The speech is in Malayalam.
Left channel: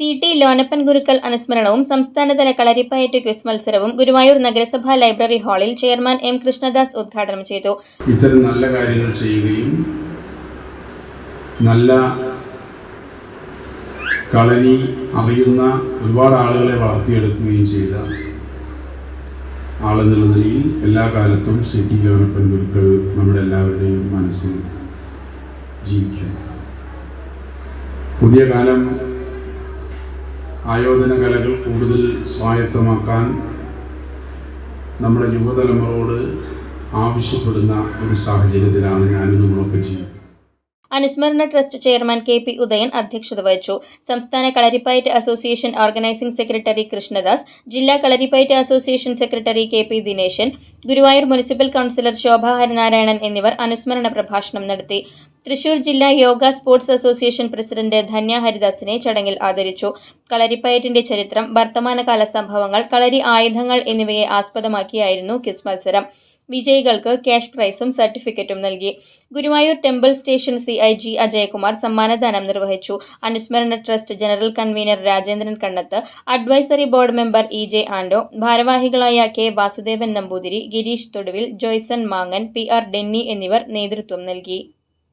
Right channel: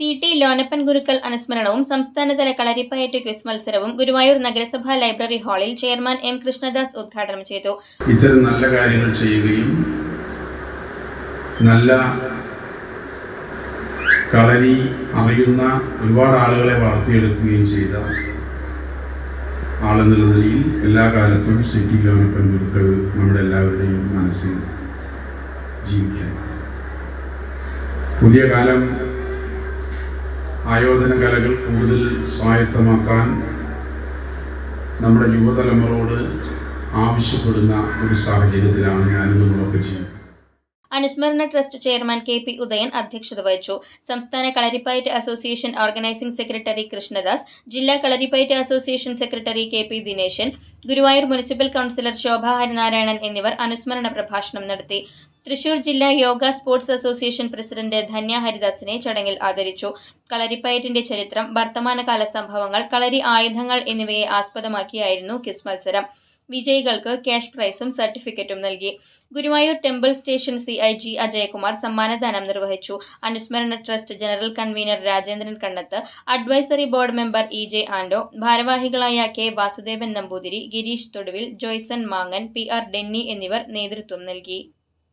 സി ടി ലോനപ്പൻ ഗുരുക്കൾ അനുസ്മരണവും സംസ്ഥാനതല കളരിപ്പയറ്റ് ക്വിസ് മത്സരവും ഗുരുവായൂർ നഗരസഭാ ലൈബ്രറി ഹാളിൽ ചെയർമാൻ എം കൃഷ്ണദാസ് ഉദ്ഘാടനം ചെയ്തു. ഇത്തരം നല്ല കാര്യങ്ങൾ ചെയ്യുകയും നല്ല കളരി അറിയുന്ന ഒരുപാട് ആളുകളെ വളർത്തിയെടുക്കുകയും ചെയ്ത ആളെന്നുള്ള നിലയിൽ എല്ലാ കാലത്തും സിറ്റി ലോനപ്പൻ ഗുരുക്കൾ നമ്മുടെ എല്ലാവരുടെയും മനസ്സിൽ ജീവിക്കണം പുതിയ കാലം ആയോധന കലകൾ കൂടുതൽ സ്വായത്തമാക്കാൻ നമ്മുടെ യുവതലമുറയോട് ആവശ്യപ്പെടുന്ന ഒരു സാഹചര്യത്തിലാണ് ഞാനും നിങ്ങളൊക്കെ ചെയ്യുന്നത്. അനുസ്മരണ trust chairman K P Udayan അധ്യക്ഷത വഹിച്ചു. സംസ്ഥാന Kalaripayattu association organising secretary Krishnadas ജില്ലാ Kalaripayattu association secretary K P Dineshan Guruvayur municipal councillor Shobha Harinarayanan എന്നിവർ അനുസ്മരണ പ്രഭാഷണം നടത്തി. തൃശൂർ ജില്ലാ yoga sports association president Dhanya ഹരിദാസിനെ ചടങ്ങിൽ ആദരിച്ചു. കളരിപ്പയറ്റിന്റെ ചരിത്രം വർത്തമാനകാല സംഭവങ്ങൾ കളരി ആയുധങ്ങൾ എന്നിവയെ ആസ്പദമാക്കിയായിരുന്നു ക്വിസ് മത്സരം. വിജയികൾക്ക് ക്യാഷ് പ്രൈസും സർട്ടിഫിക്കറ്റും നൽകി. Guruvayur temple station C I G Ajayakumar സമ്മാനദാനം നിർവഹിച്ചു. അനുസ്മരണ trust general convener Rajendran Kannath advisory board member E J Ando ഭാരവാഹികളായ കെ വാസുദേവൻ നമ്പൂതിരി ഗിരീഷ് തൊടുവിൽ ജോയ്സൺ മാങ്ങൻ പി ആർ ഡെന്നി എന്നിവർ നേതൃത്വം നൽകി.